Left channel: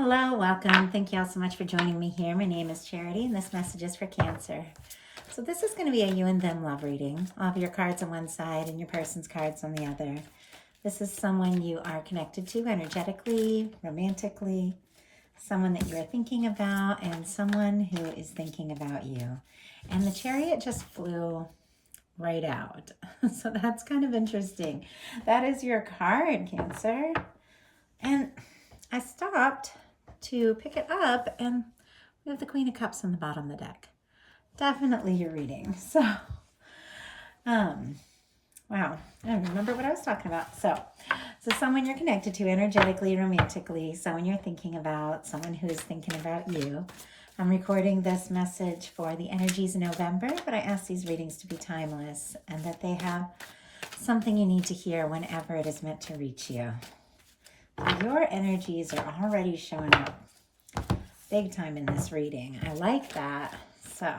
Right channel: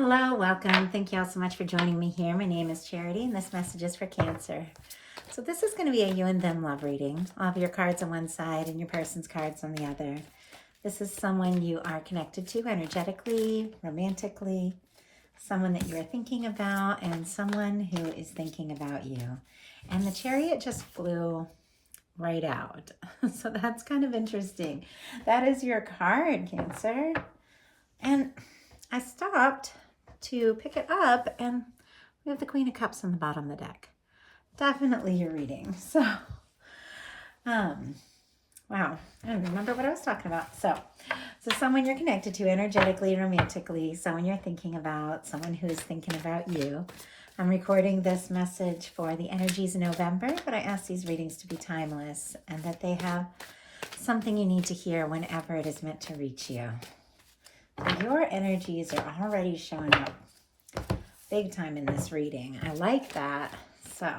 Hello, welcome. Thank you all so much for joining me here. My name is Charity, and this message is for Cancer. So this is going to be a you and them love reading. All of your cards on one side and your person's cards on the other. This is someone you are connected to energetically, romantically, someone that you're thinking about, and someone who is thinking about you. And the Chariot just flew right out. So that's kind of interesting. That is your card, Cancer. And I stopped to pick it up, and we have the Queen of Cups on the bottom of the deck. Definitely your reading. So, wow, I don't remember what I was talking about. So someone you're connected to energetically and romantically, someone you're thinking about, someone who's thinking about you. I'm recording this message for the energies in November, but I ask these readings to be timeless and that they have something you need to hear whenever it is meant to reach you. Your energies are already showing up big time in this reading. I like that. So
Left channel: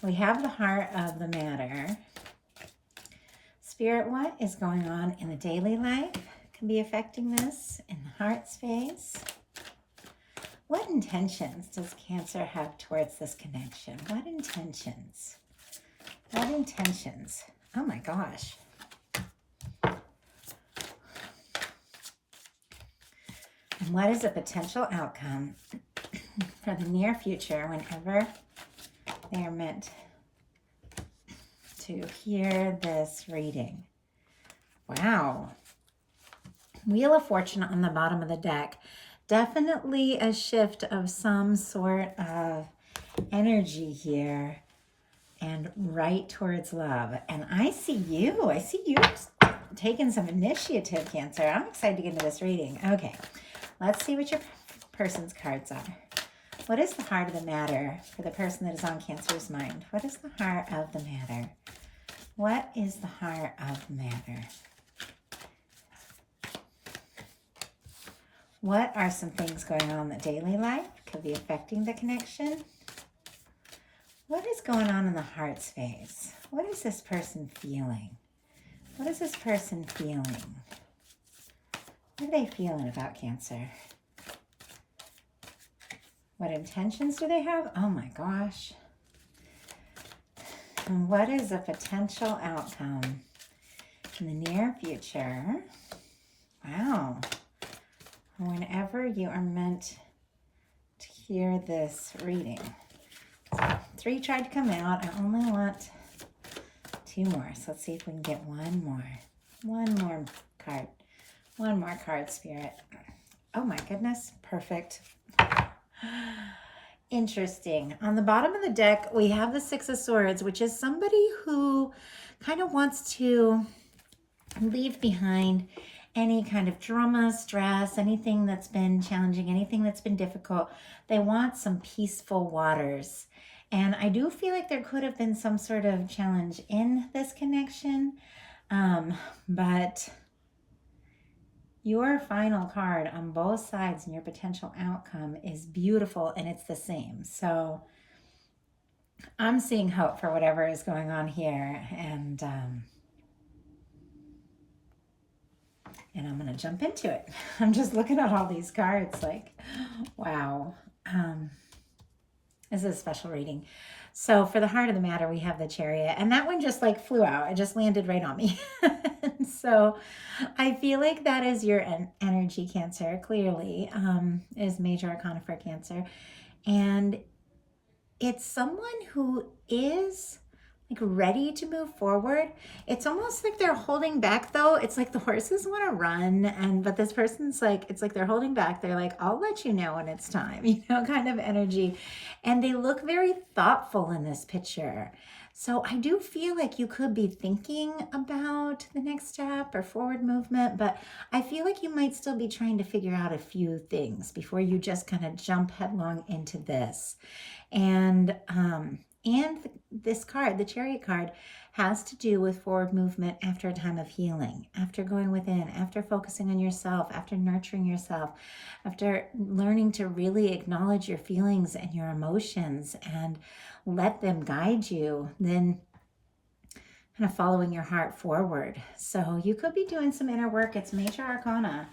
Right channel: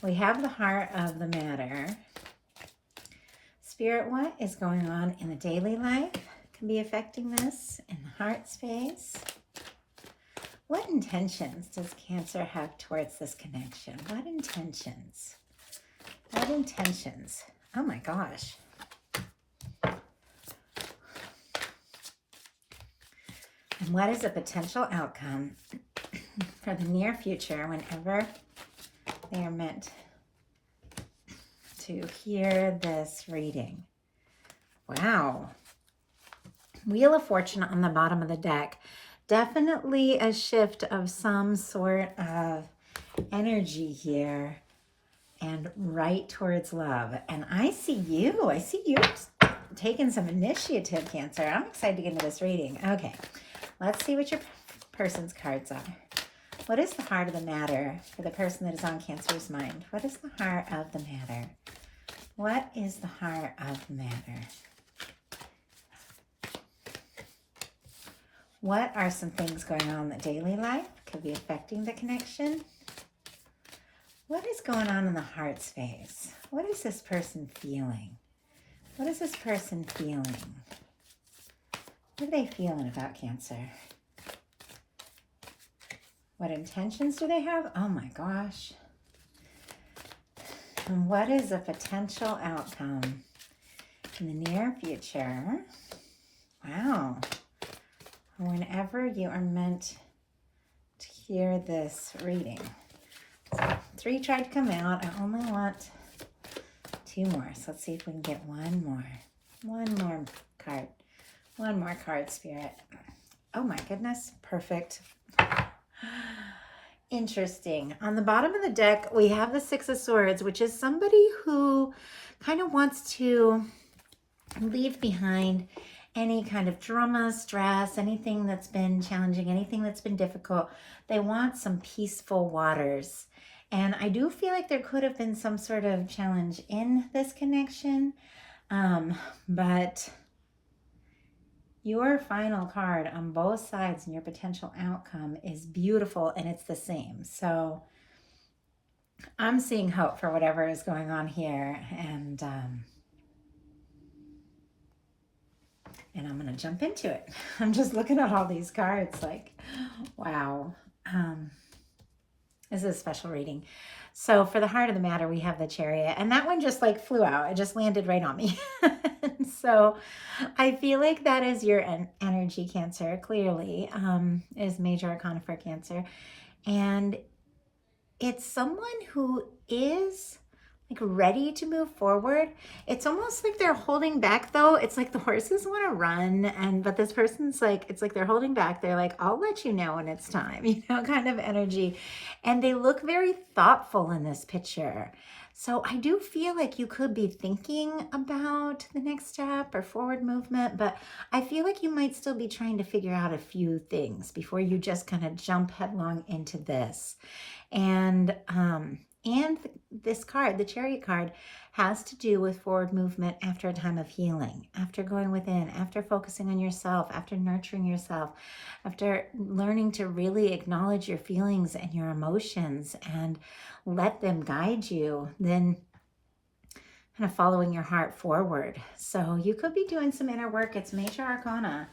we have the heart of the matter. Spirit, what is going on in the daily life can be affecting this in the heart space? What intentions does Cancer have towards this connection? What intentions? What intentions? Oh my gosh. And what is a potential outcome for the near future whenever they are meant to hear this reading? Wow. Wheel of Fortune on the bottom of the deck. Definitely a shift of some sort of energy here and right towards love. And I see you. I see you taking some initiative, Cancer. I'm excited to get into this reading. Okay. Let's see what your person's cards are. What is the heart of the matter for the person that is on Cancer's mind? What is the heart of the matter? What is the heart of the matter? What are some things going on in the daily life? Could be affecting the connection. What is going on in the heart space? What is this person feeling? What is this person feeling? What are they feeling about Cancer? What intentions do they have? Oh my gosh. And what is a potential outcome in the near future? Wow. Whenever you are meant to hear this reading. So 3 tried to come out. I only want 2 more. So let's see if we can get one more. One more card. One more card, Spirit. Oh my goodness. Perfect. Interesting. On the bottom of the deck, we have the 6 of Swords, which is somebody who kind of wants to leave behind any kind of drama, stress, anything that's been challenging, anything that's been difficult. They want some peaceful waters. And I do feel like there could have been some sort of challenge in this connection, but your final card on both sides and your potential outcome is beautiful, and it's the same. So I'm seeing hope for whatever is going on here, and I'm going to jump into it. I'm just looking at all these cards like, wow. This is a special reading. So for the heart of the matter, we have the Chariot, and that one just like flew out. It just landed right on me. So I feel like that is your energy, Cancer, clearly, is major arcana for Cancer. And it's someone who is like ready to move forward. It's almost like they're holding back though. It's like the horses want to run, but this person's like, it's like they're holding back. They're like, I'll let you know when it's time, kind of energy. And they look very thoughtful in this picture. So I do feel like you could be thinking about the next step or forward movement, but I feel like you might still be trying to figure out a few things before you just kind of jump headlong into this. And this card, the Chariot card, has to do with forward movement after a time of healing, after going within, after focusing on yourself, after nurturing yourself, after learning to really acknowledge your feelings and your emotions and let them guide you, then kind of following your heart forward. So you could be doing some inner work. It's major arcana.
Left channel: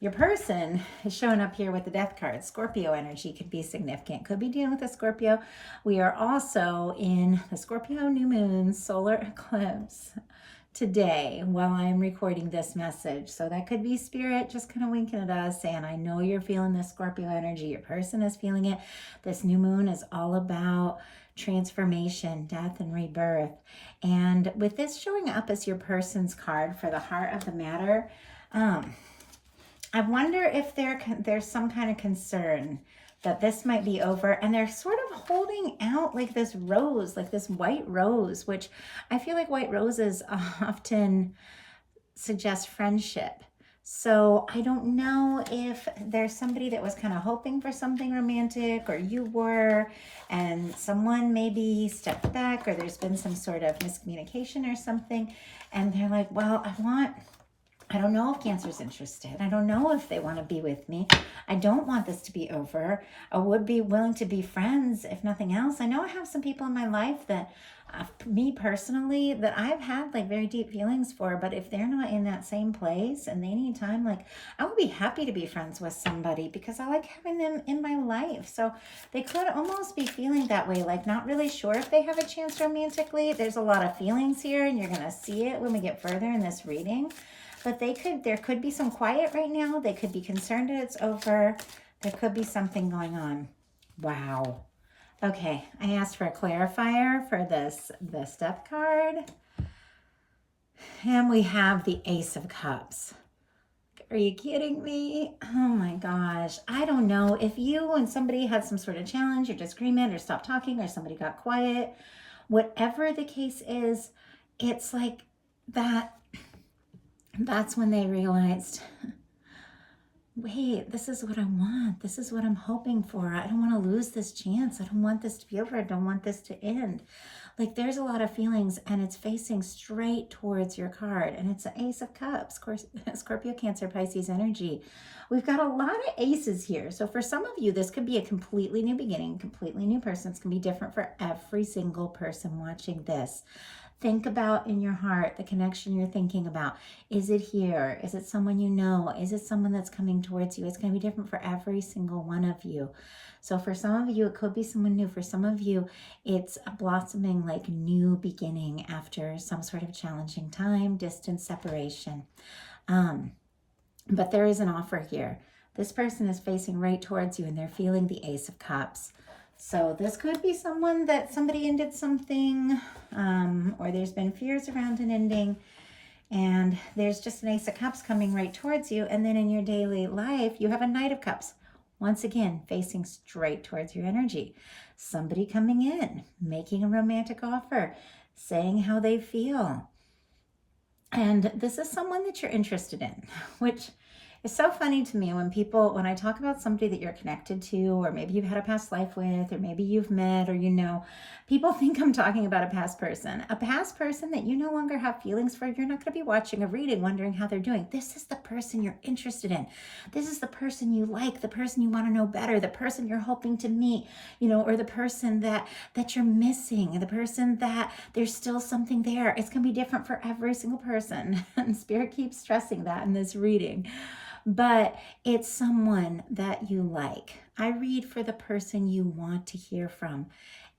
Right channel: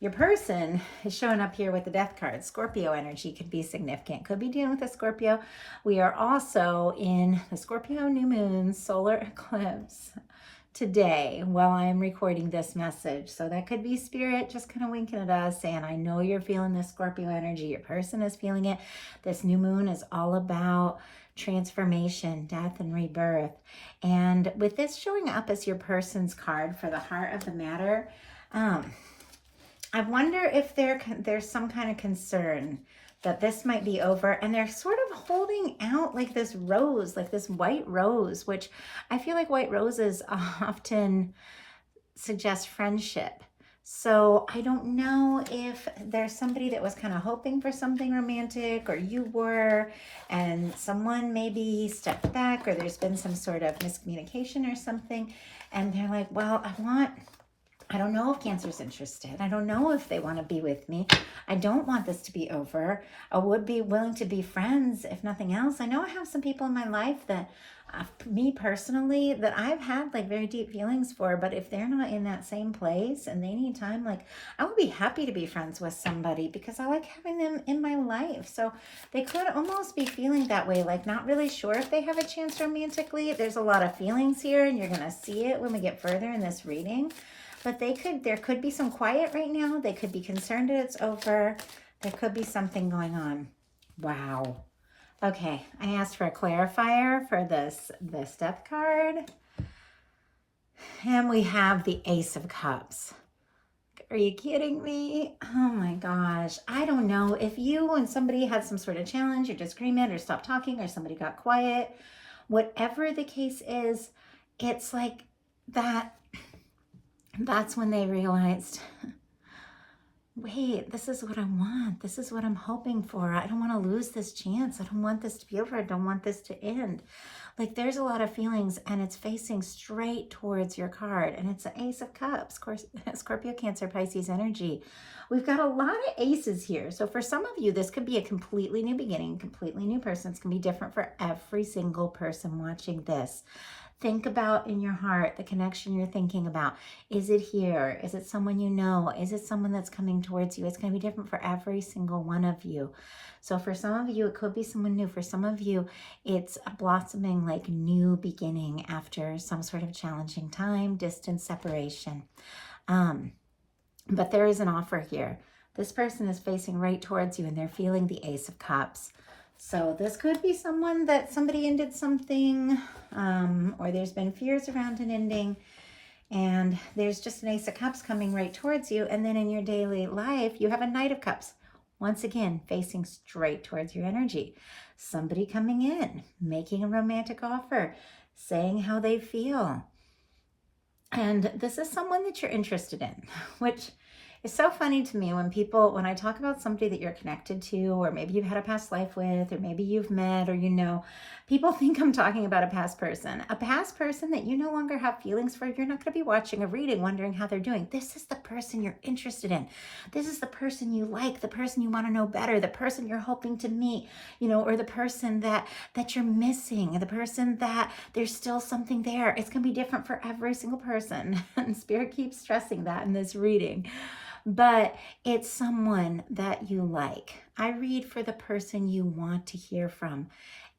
Your person is showing up here with the death card. Scorpio energy could be significant. Could be dealing with a Scorpio. We are also in the Scorpio new moon solar eclipse today while I'm recording this message. So that could be spirit just kind of winking at us saying, I know you're feeling this Scorpio energy. Your person is feeling it. This new moon is all about transformation, death, and rebirth. And with this showing up as your person's card for the heart of the matter, I wonder if there's some kind of concern that this might be over, and they're sort of holding out like this rose, like this white rose, which I feel like white roses often suggest friendship. So I don't know if there's somebody that was kind of hoping for something romantic, or you were, and someone maybe stepped back, or there's been some sort of miscommunication or something, and they're like, well, I don't know if Cancer's interested. I don't know if they want to be with me. I don't want this to be over. I would be willing to be friends, if nothing else. I know I have some people in my life that, me personally, that I've had like very deep feelings for, but if they're not in that same place and they need time, like I would be happy to be friends with somebody because I like having them in my life. So they could almost be feeling that way, like not really sure if they have a chance romantically. There's a lot of feelings here, and you're going to see it when we get further in this reading. But there could be some quiet right now. They could be concerned that it's over. There could be something going on. Wow. Okay, I asked for a clarifier for this death card. And we have the Ace of Cups. Are you kidding me? Oh my gosh. I don't know if you and somebody had some sort of challenge or disagreement or stopped talking or somebody got quiet. Whatever the case is, it's like that's when they realized, wait, this is what I want. This is what I'm hoping for. I don't want to lose this chance. I don't want this to be over. I don't want this to end. Like there's a lot of feelings, and it's facing straight towards your card. And it's the Ace of Cups, of course, Scorpio, Cancer, Pisces energy. We've got a lot of aces here. So for some of you, this could be a completely new beginning, completely new person. It's going to be different for every single person watching this. Think about in your heart the connection you're thinking about. Is it here? Is it someone you know? Is it someone that's coming towards you? It's going to be different for every single one of you. So for some of you, it could be someone new. For some of you, it's a blossoming like new beginning after some sort of challenging time, distance, separation. But there is an offer here. This person is facing right towards you, and they're feeling the Ace of Cups. So this could be someone that somebody ended something, or there's been fears around an ending, and there's just an Ace of Cups coming right towards you. And then in your daily life, you have a Knight of Cups, once again, facing straight towards your energy. Somebody coming in, making a romantic offer, saying how they feel. And this is someone that you're interested in, which it's so funny to me when I talk about somebody that you're connected to, or maybe you've had a past life with, or maybe you've met, or you know, people think I'm talking about a past person that you no longer have feelings for. You're not going to be watching a reading wondering how they're doing. This is the person you're interested in. This is the person you like, the person you want to know better, the person you're hoping to meet, you know, or the person that you're missing, the person that there's still something there. It's going to be different for every single person. And Spirit keeps stressing that in this reading. But it's someone that you like. I read for the person you want to hear from.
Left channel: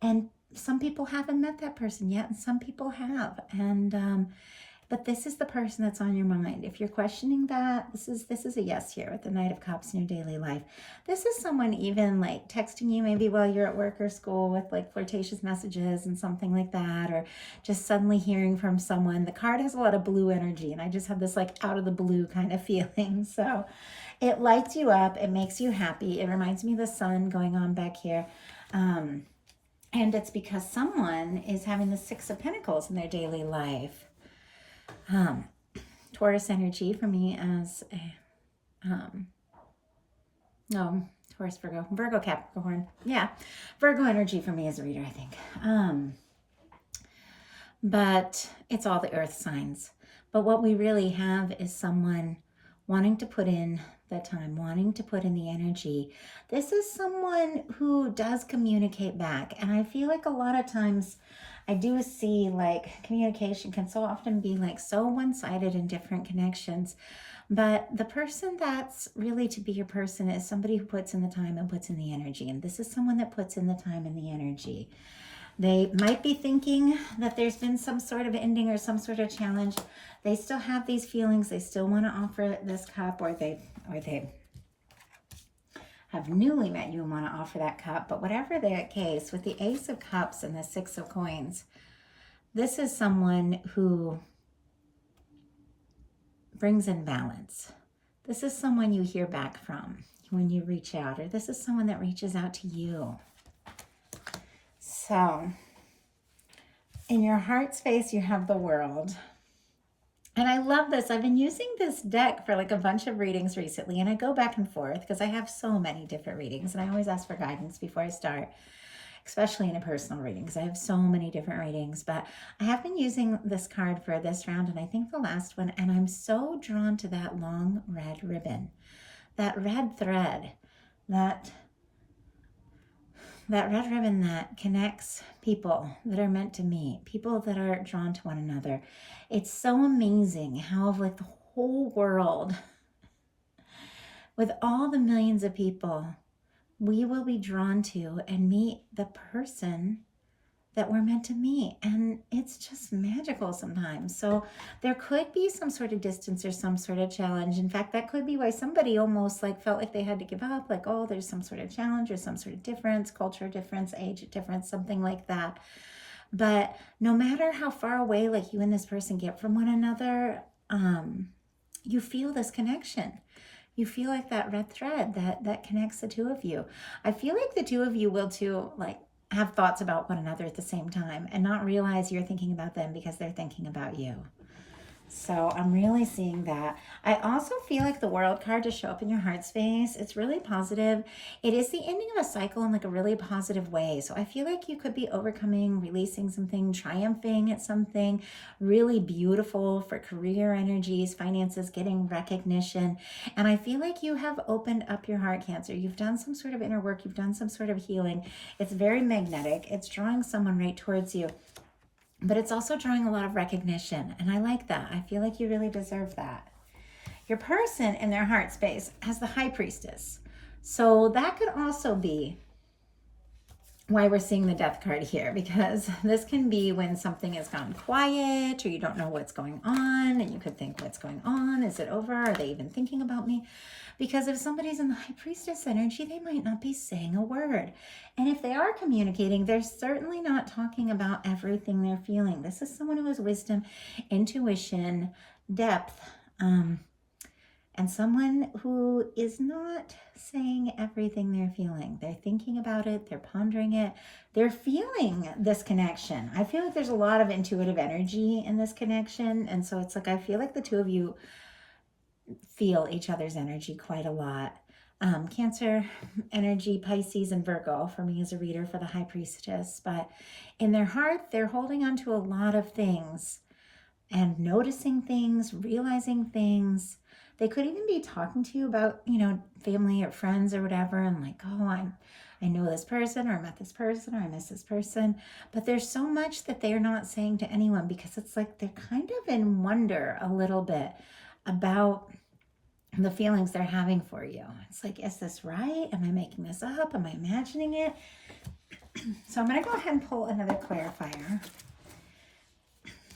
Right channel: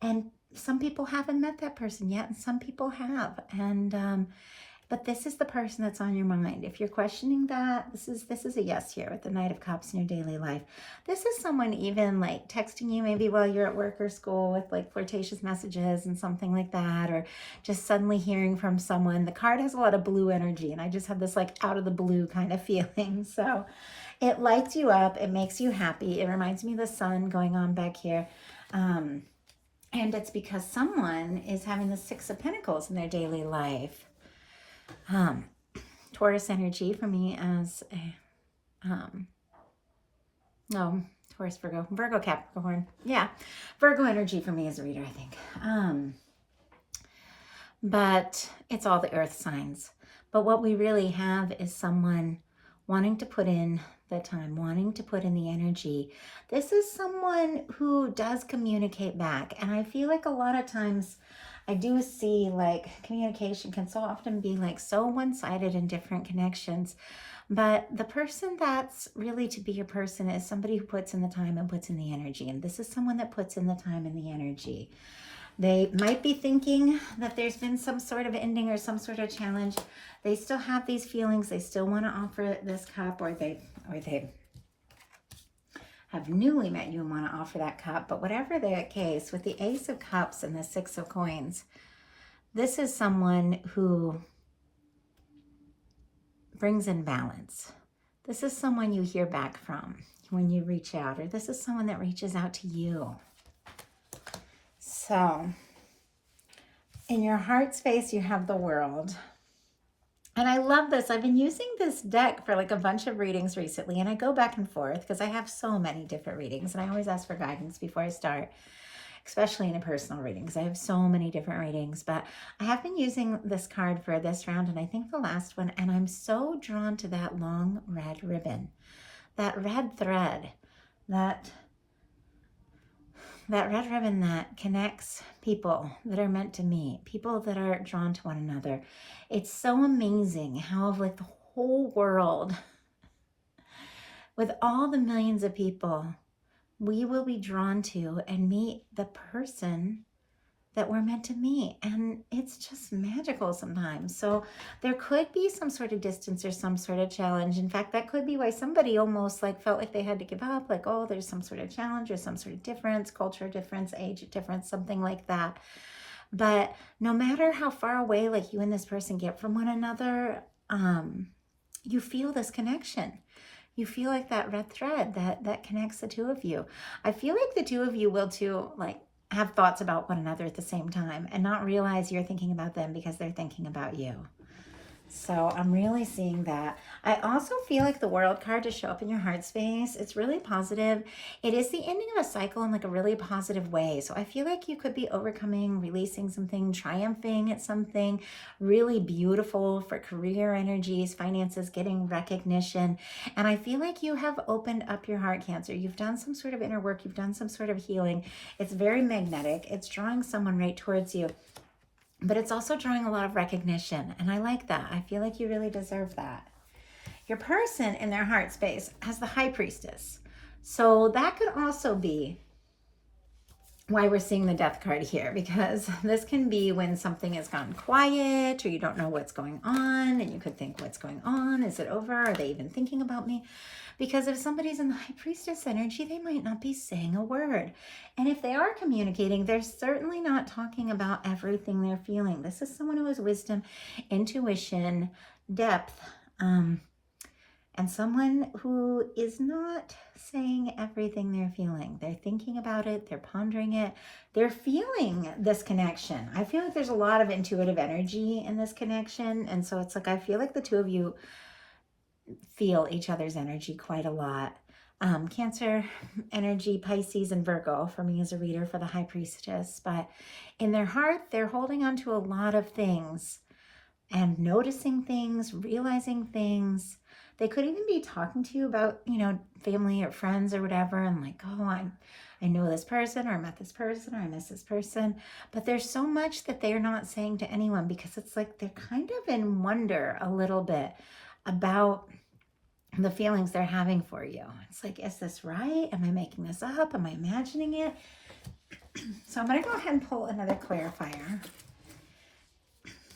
And some people haven't met that person yet, and some people have. And but this is the person that's on your mind. If you're questioning that, this is a yes here with the Knight of Cups in your daily life. This is someone even like texting you maybe while you're at work or school with like flirtatious messages and something like that, or just suddenly hearing from someone. The card has a lot of blue energy, and I just have this like out of the blue kind of feeling. So it lights you up. It makes you happy. It reminds me of the sun going on back here. And it's because someone is having the Six of Pentacles in their daily life. Taurus energy for me as a, no, Taurus, Virgo, Capricorn. Yeah, Virgo energy for me as a reader, I think. But it's all the earth signs. But what we really have is someone wanting to put in the time, wanting to put in the energy. This is someone who does communicate back. And I feel like a lot of times I do see like communication can so often be like so one-sided in different connections. But the person that's really to be your person is somebody who puts in the time and puts in the energy. And this is someone that puts in the time and the energy. They might be thinking that there's been some sort of ending or some sort of challenge. They still have these feelings. They still want to offer this cup, or they have newly met you and want to offer that cup. But whatever the case, with the Ace of Cups and the Six of Coins, this is someone who brings in balance. This is someone you hear back from when you reach out, or this is someone that reaches out to you. So, in your heart space, you have the World. And I love this. I've been using this deck for like a bunch of readings recently, and I go back and forth because I have so many different readings, and I always ask for guidance before I start, especially in a personal reading because I have so many different readings. But I have been using this card for this round, and I think the last one, and I'm so drawn to that long red ribbon, that red thread, that red ribbon that connects people that are meant to meet, people that are drawn to one another. It's so amazing how like the whole world, with all the millions of people, we will be drawn to and meet the person that we're meant to meet. And it's just magical sometimes. So there could be some sort of distance or some sort of challenge. In fact, that could be why somebody almost like felt like they had to give up, like, oh, there's some sort of challenge or some sort of difference, culture difference, age difference, something like that. But no matter how far away like you and this person get from one another, you feel this connection. You feel like that red thread that connects the two of you. I feel like the two of you will too, like, have thoughts about one another at the same time and not realize you're thinking about them because they're thinking about you. So I'm really seeing that. I also feel like the World card to show up in your heart space, it's really positive. It is the ending of a cycle in like a really positive way. So I feel like you could be overcoming, releasing something, triumphing at something really beautiful for career energies, finances, getting recognition. And I feel like you have opened up your heart, Cancer. You've done some sort of inner work. You've done some sort of healing. It's very magnetic. It's drawing someone right towards you. But it's also drawing a lot of recognition, and I like that. I feel like you really deserve that. Your person in their heart space has the High Priestess. So that could also be why we're seeing the Death card here, because this can be when something has gone quiet or you don't know what's going on, and you could think, what's going on? Is it over? Are they even thinking about me? Because if somebody's in the High Priestess energy, they might not be saying a word. And if they are communicating, they're certainly not talking about everything they're feeling. This is someone who has wisdom, intuition, depth, and someone who is not saying everything they're feeling. They're thinking about it. They're pondering it. They're feeling this connection. I feel like there's a lot of intuitive energy in this connection. And so it's like, I feel like the two of you feel each other's energy quite a lot. Cancer energy, Pisces, and Virgo for me as a reader for the High Priestess. But in their heart, they're holding on to a lot of things and noticing things, realizing things. They could even be talking to you about, you know, family or friends or whatever, and like, oh, I know this person, or I met this person, or I miss this person. But there's so much that they're not saying to anyone because it's like they're kind of in wonder a little bit about the feelings they're having for you. It's like, is this right? Am I making this up? Am I imagining it? So I'm going to go ahead and pull another clarifier.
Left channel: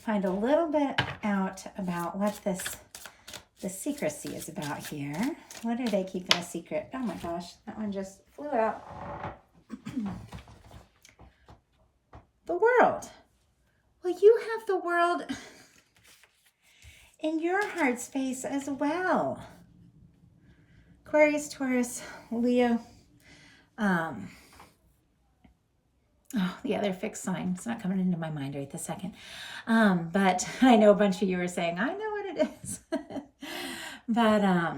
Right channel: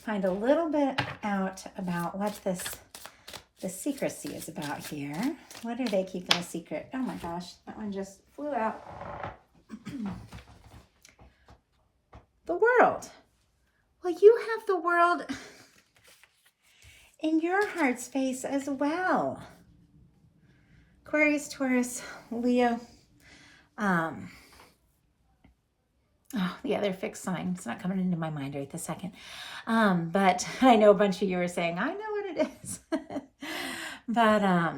Find a little bit out about what the secrecy is about here. What are they keeping a secret? Oh my gosh, that one just flew out. The World. Well, you have the World in your heart space as well. Aquarius, Taurus, Leo. Oh, the other fixed sign. It's not coming into my mind right this second. But I know a bunch of you are saying, I know what it is. But I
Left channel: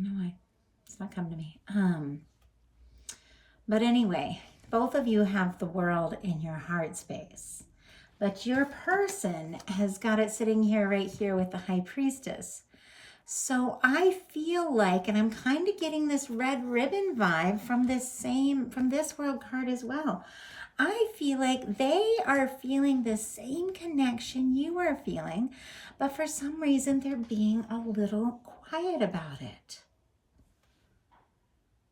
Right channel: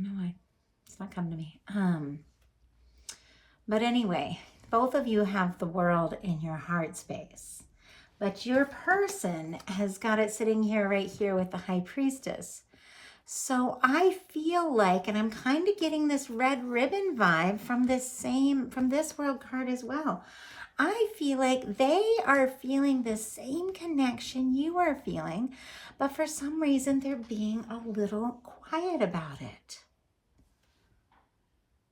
know it's not coming to me. But anyway, both of you have the World in your heart space. But your person has got it sitting here, right here with the High Priestess. So I feel like, and I'm kind of getting this red ribbon vibe from this World card as well. I feel like they are feeling the same connection you are feeling, but for some reason they're being a little quiet about it.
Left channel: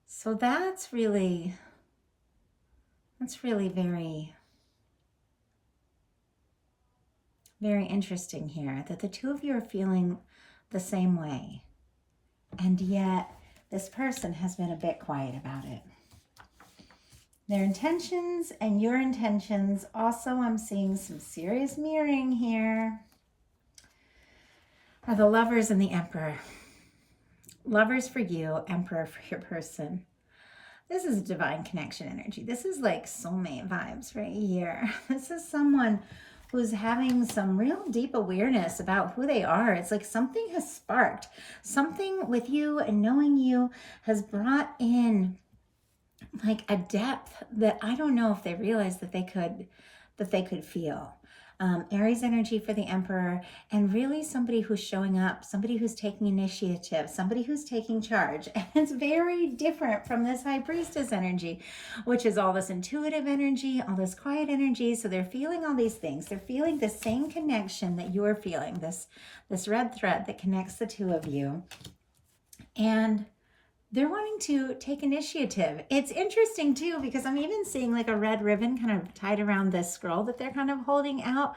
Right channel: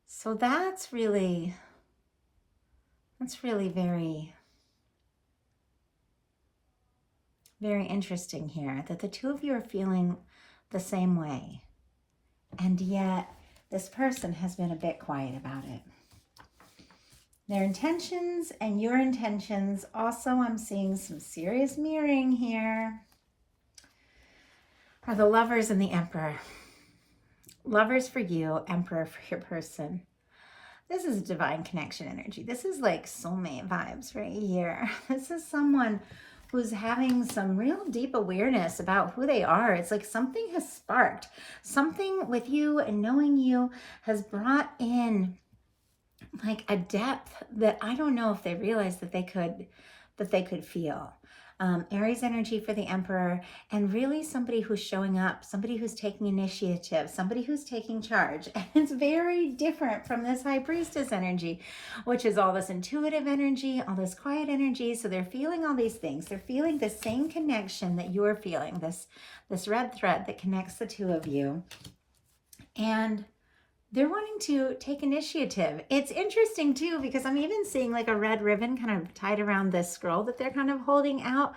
So that's really very, very interesting here, that the two of you are feeling the same way. And yet this person has been a bit quiet about it. Their intentions and your intentions. Also, I'm seeing some serious mirroring here. Are the Lovers and the Emperor. Lovers for you, Emperor for your person. This is divine connection energy. This is like soulmate vibes right here. This is someone who's having some real deep awareness about who they are. It's like something has sparked. Something with you and knowing you has brought in like a depth that I don't know if they realized that they could feel. Aries energy for the Emperor, and really somebody who's showing up, somebody who's taking initiative, somebody who's taking charge. And it's very different from this High Priestess energy, which is all this intuitive energy, all this quiet energy. So they're feeling all these things. They're feeling the same connection that you are feeling, this red thread that connects the two of you. And they're wanting to take initiative. It's interesting too, because I'm even seeing like a red ribbon kind of tied around this scroll that they're kind of holding out.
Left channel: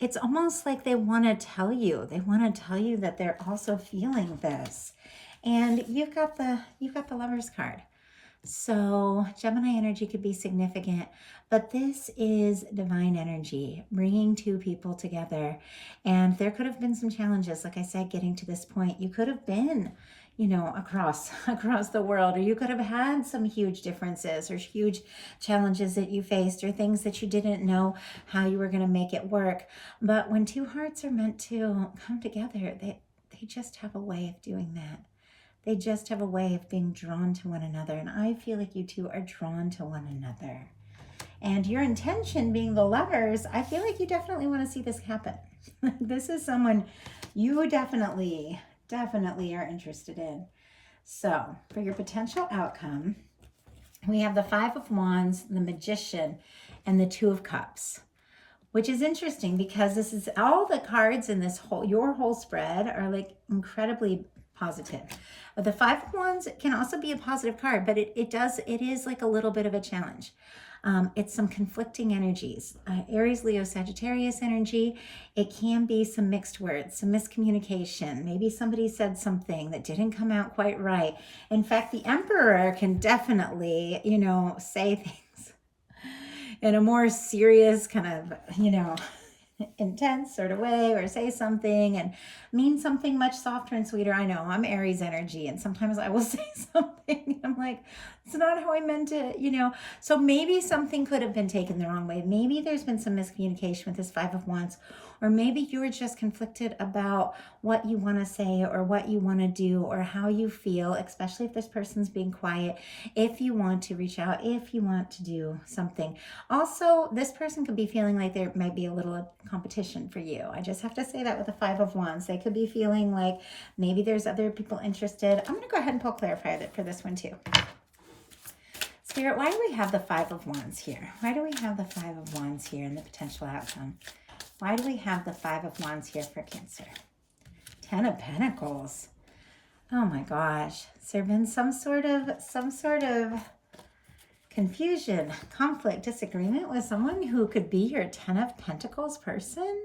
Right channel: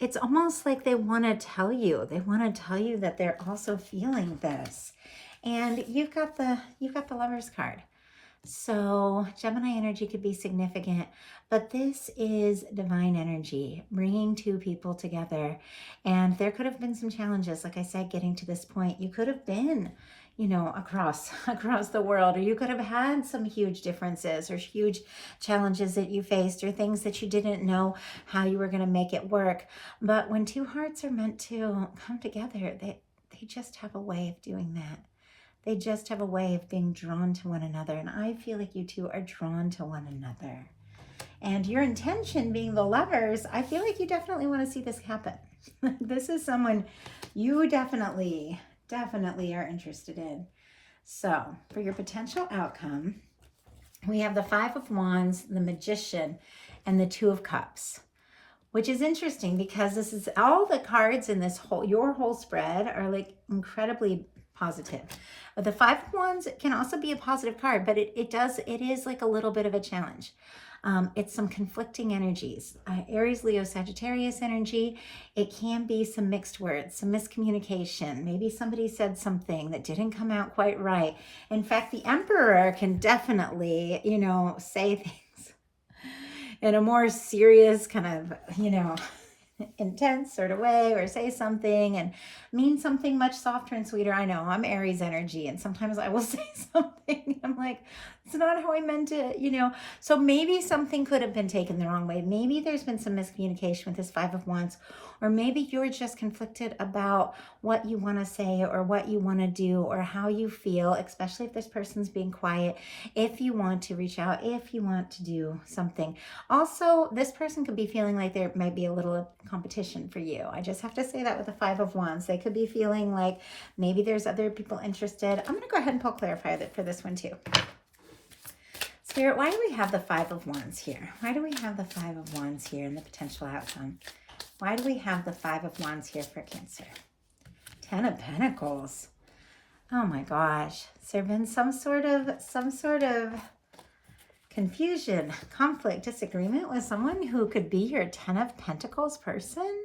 It's almost like they want to tell you. They want to tell you that they're also feeling this. And you've got the Lover's card. So Gemini energy could be significant, but this is divine energy, bringing two people together. And there could have been some challenges, like I said, getting to this point. You could have been, you know, across the world, or you could have had some huge differences or huge challenges that you faced, or things that you didn't know how you were going to make it work. But when two hearts are meant to come together, they just have a way of doing that. They just have a way of being drawn to one another. And I feel like you two are drawn to one another. And your intention being the Lovers, I feel like you definitely want to see this happen. This is someone you definitely are interested in. So for your potential outcome, we have the Five of Wands, the Magician, and the Two of Cups, which is interesting because this is all the cards in this your whole spread are like incredibly positive. But the Five of Wands can also be a positive card, but it is like a little bit of a challenge. It's some conflicting energies. Aries, Leo, Sagittarius energy. It can be some mixed words, some miscommunication. Maybe somebody said something that didn't come out quite right. In fact, the Emperor can definitely, you know, say things in a more serious kind of, you know, intense sort of way, or say something and mean something much softer and sweeter. I know I'm Aries energy, and sometimes I will say something I'm like, it's not how I meant it, you know. So maybe something could have been taken the wrong way. Maybe there's been some miscommunication with this Five of Wands, or maybe you're just conflicted about what you want to say or what you want to do or how you feel, especially if this person's being quiet, if you want to reach out, if you want to do something. Also, this person could be feeling like there might be a little competition for you. I just have to say that with the Five of Wands. They could be feeling like maybe there's other people interested. I'm going to go ahead and pull Clarify for this one too. Spirit, why do we have the Five of Wands here? Why do we have the Five of Wands here in the potential outcome? Why do we have the Five of Wands here for Cancer? Ten of Pentacles. Oh my gosh. Has there been some sort of confusion, conflict, disagreement with someone who could be your Ten of Pentacles person?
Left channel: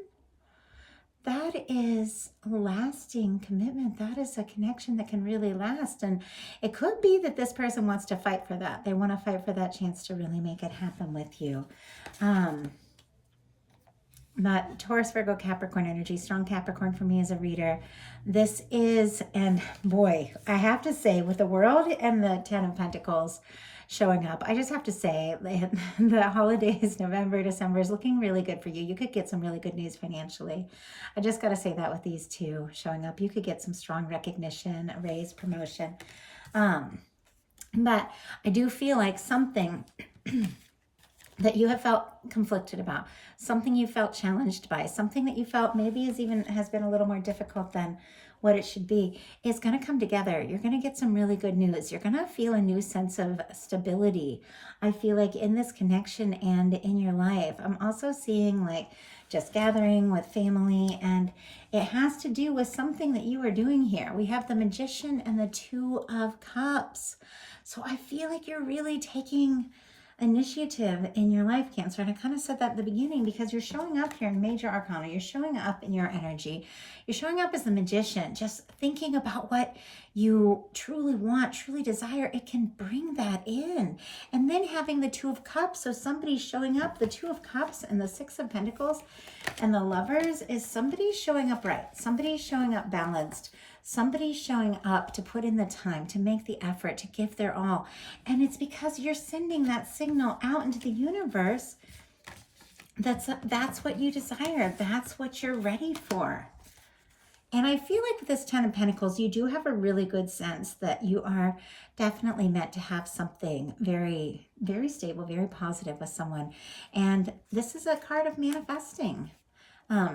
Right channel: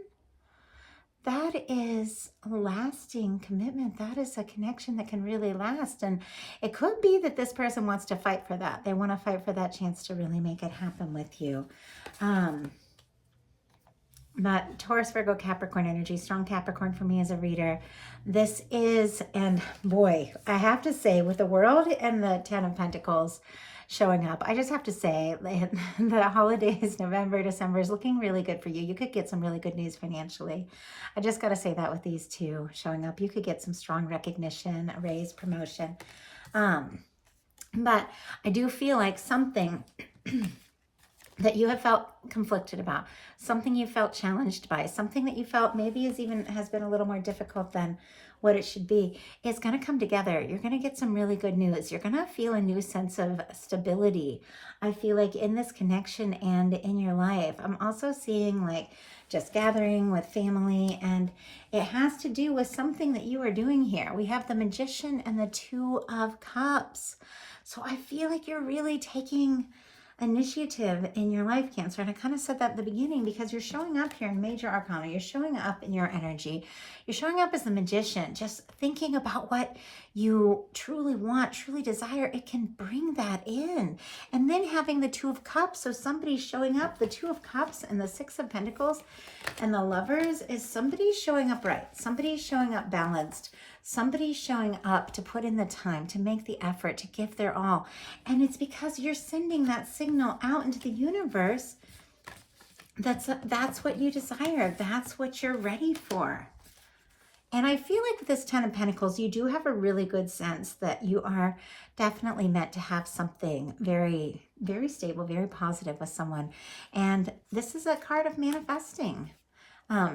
That is a lasting commitment. That is a connection that can really last. And it could be that this person wants to fight for that. They want to fight for that chance to really make it happen with you. But Taurus, Virgo, Capricorn energy, strong Capricorn for me as a reader. This is, and boy, I have to say, with the World and the Ten of Pentacles showing up, I just have to say the holidays, November, December is looking really good for you. You could get some really good news financially. I just got to say that with these two showing up, you could get some strong recognition, a raise, promotion. But I do feel like something that you have felt conflicted about, something you felt challenged by, something that you felt maybe has been a little more difficult than what it should be, is going to come together. You're going to get some really good news. You're going to feel a new sense of stability. I feel like in this connection and in your life, I'm also seeing like just gathering with family, and it has to do with something that you are doing here. We have the Magician and the Two of Cups. So I feel like you're really taking initiative in your life, Cancer. And I kind of said that at the beginning because you're showing up here in Major Arcana. You're showing up in your energy. You're showing up as the Magician, just thinking about what you truly want, truly desire. It can bring that in. And then having the Two of Cups. So somebody's showing up. The Two of Cups and the Six of Pentacles and the Lovers is somebody showing up right. Somebody's showing up balanced. Somebody's showing up to put in the time, to make the effort, to give their all. And it's because you're sending that signal out into the universe. That's what you desire. That's what you're ready for. And I feel like with this Ten of Pentacles, you do have a really good sense that you are definitely meant to have something very, very stable, very positive with someone. And this is a card of manifesting.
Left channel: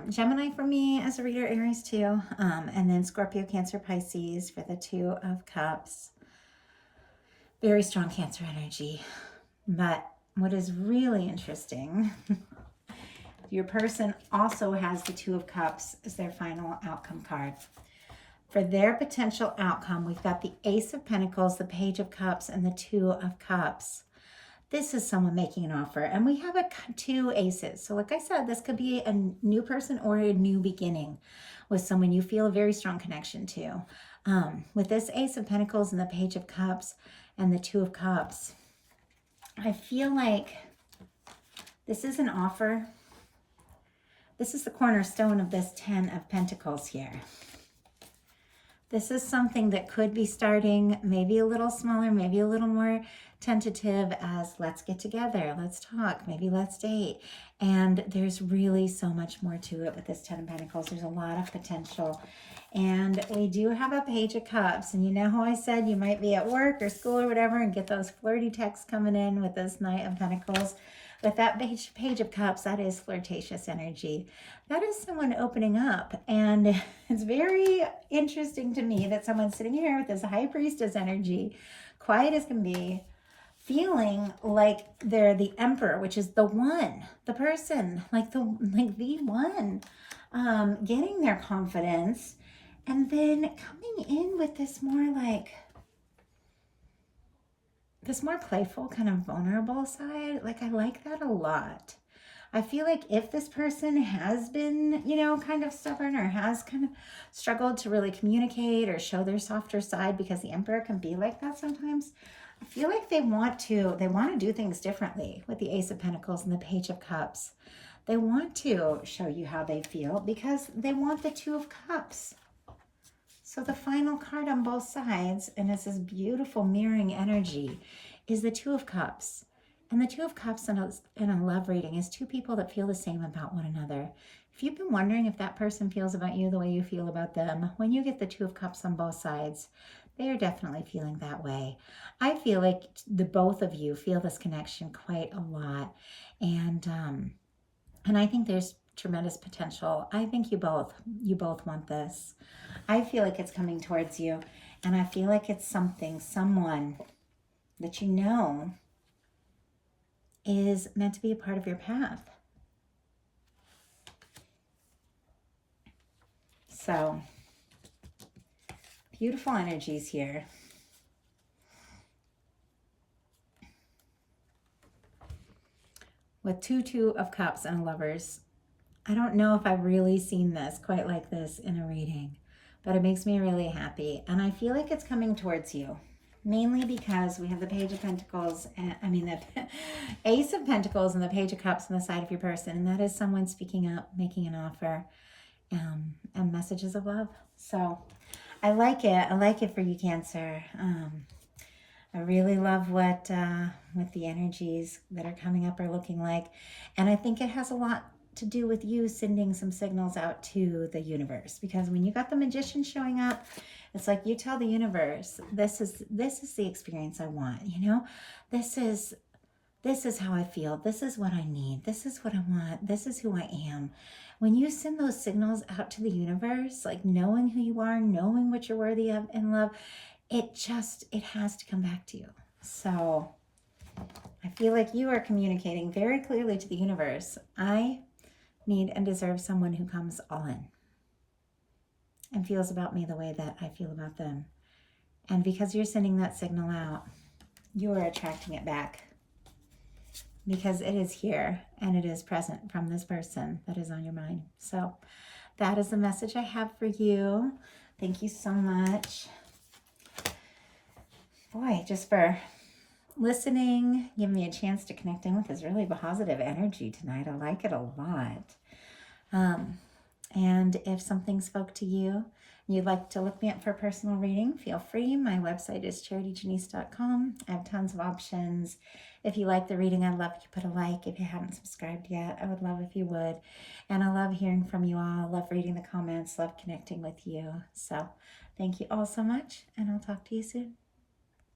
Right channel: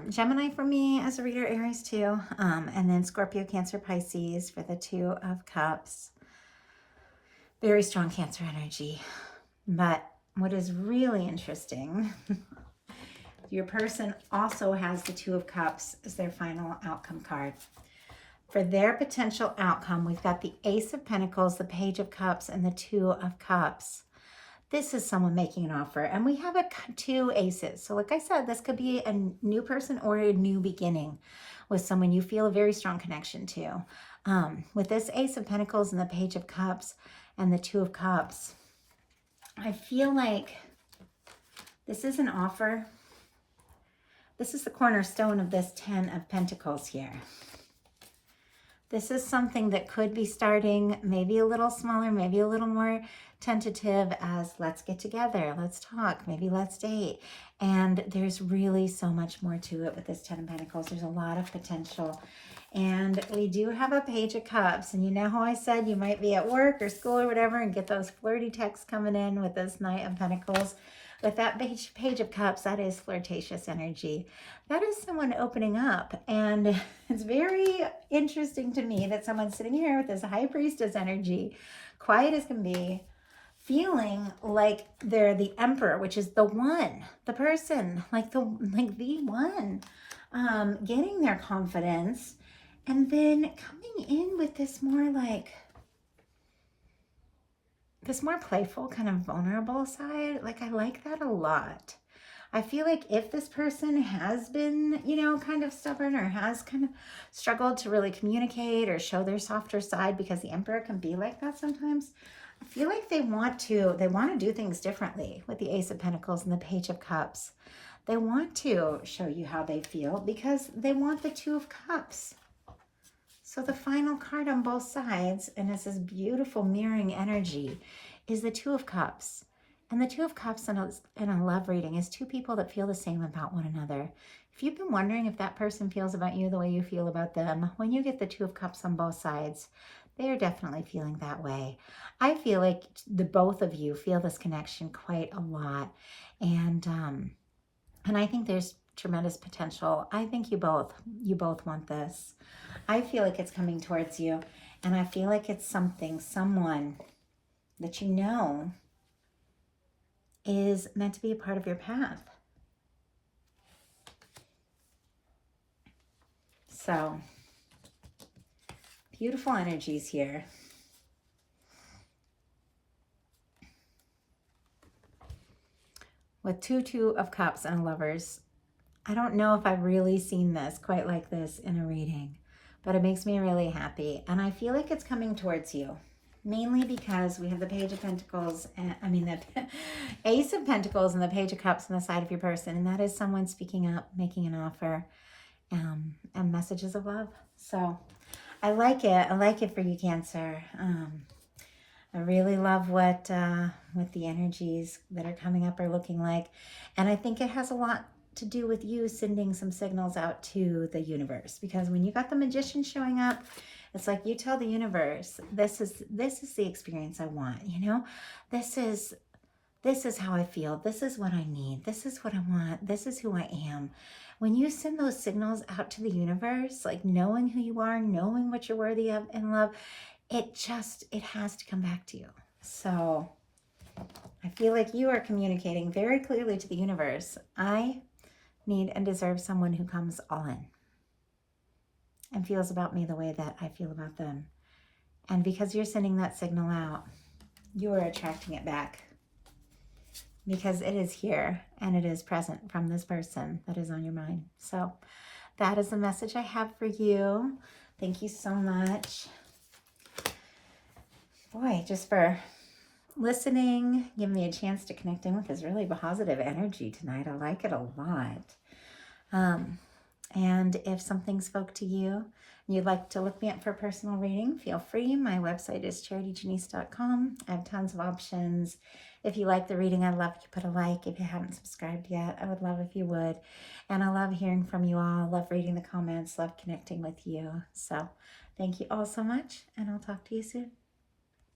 Gemini for me as a reader, Aries too, and then Scorpio, Cancer, Pisces for the Two of Cups. Very strong Cancer energy. But what is really interesting, your person also has the Two of Cups as their final outcome card. For their potential outcome, we've got the Ace of Pentacles, the Page of Cups, and the Two of Cups. This is someone making an offer, and we have two aces. So like I said, this could be a new person or a new beginning with someone you feel a very strong connection to. With this Ace of Pentacles and the Page of Cups and the Two of Cups, I feel like this is an offer. This is the cornerstone of this Ten of Pentacles here. This is something that could be starting maybe a little smaller, maybe a little more tentative, as let's get together, let's talk, maybe let's date. And there's really so much more to it with this Ten of Pentacles. There's a lot of potential. And we do have a Page of Cups. And you know how I said you might be at work or school or whatever and get those flirty texts coming in with this Knight of Pentacles. With that Page of Cups, that is flirtatious energy. That is someone opening up. And it's very interesting to me that someone's sitting here with this High Priestess energy, quiet as can be, feeling like they're the Emperor, which is the one, the person, like the one, getting their confidence, and then coming in with this more like, this more playful, kind of vulnerable side. Like, I like that a lot. I feel like if this person has been, you know, kind of stubborn or has kind of struggled to really communicate or show their softer side, because the Emperor can be like that sometimes, I feel like they want to do things differently with the Ace of Pentacles and the Page of Cups. They want to show you how they feel because they want the Two of Cups. So the final card on both sides, and it's this beautiful mirroring energy, is the Two of Cups. And the Two of Cups in a love reading is two people that feel the same about one another. If you've been wondering if that person feels about you the way you feel about them, when you get the Two of Cups on both sides, they are definitely feeling that way. I feel like the both of you feel this connection quite a lot. And I think there's tremendous potential. I think you both want this. I feel like it's coming towards you, and I feel like it's someone that you know is meant to be a part of your path. So, beautiful energies here. With Two of Cups and Lovers, I don't know if I've really seen this quite like this in a reading, but it makes me really happy. And I feel like it's coming towards you, mainly because we have the Page of Pentacles, and the Ace of Pentacles and the Page of Cups on the side of your person. And that is someone speaking up, making an offer, and messages of love. So I like it. I like it for you, Cancer. I really love what the energies that are coming up are looking like. And I think it has a lot to do with you sending some signals out to the universe, because when you got the Magician showing up, it's like you tell the universe, this is the experience I want, you know, this is This is how I feel. This is what I need. This is what I want. This is who I am. When you send those signals out to the universe, like knowing who you are, knowing what you're worthy of in love, it has to come back to you. So I feel like you are communicating very clearly to the universe. I need and deserve someone who comes all in and feels about me the way that I feel about them. And because you're sending that signal out, you are attracting it back. Because it is here and it is present from this person that is on your mind. So that is the message I have for you. Thank you so much. Boy, just for listening, giving me a chance to connect in with this really positive energy tonight. I like it a lot. And if something spoke to you, and you'd like to look me up for a personal reading, feel free. My website is charityjanice.com. I have tons of options. If you like the reading, I'd love if you put a like. If you haven't subscribed yet, I would love if you would. And I love hearing from you all. Love reading the comments. Love connecting with you. So thank you all so much, and I'll talk to you soon.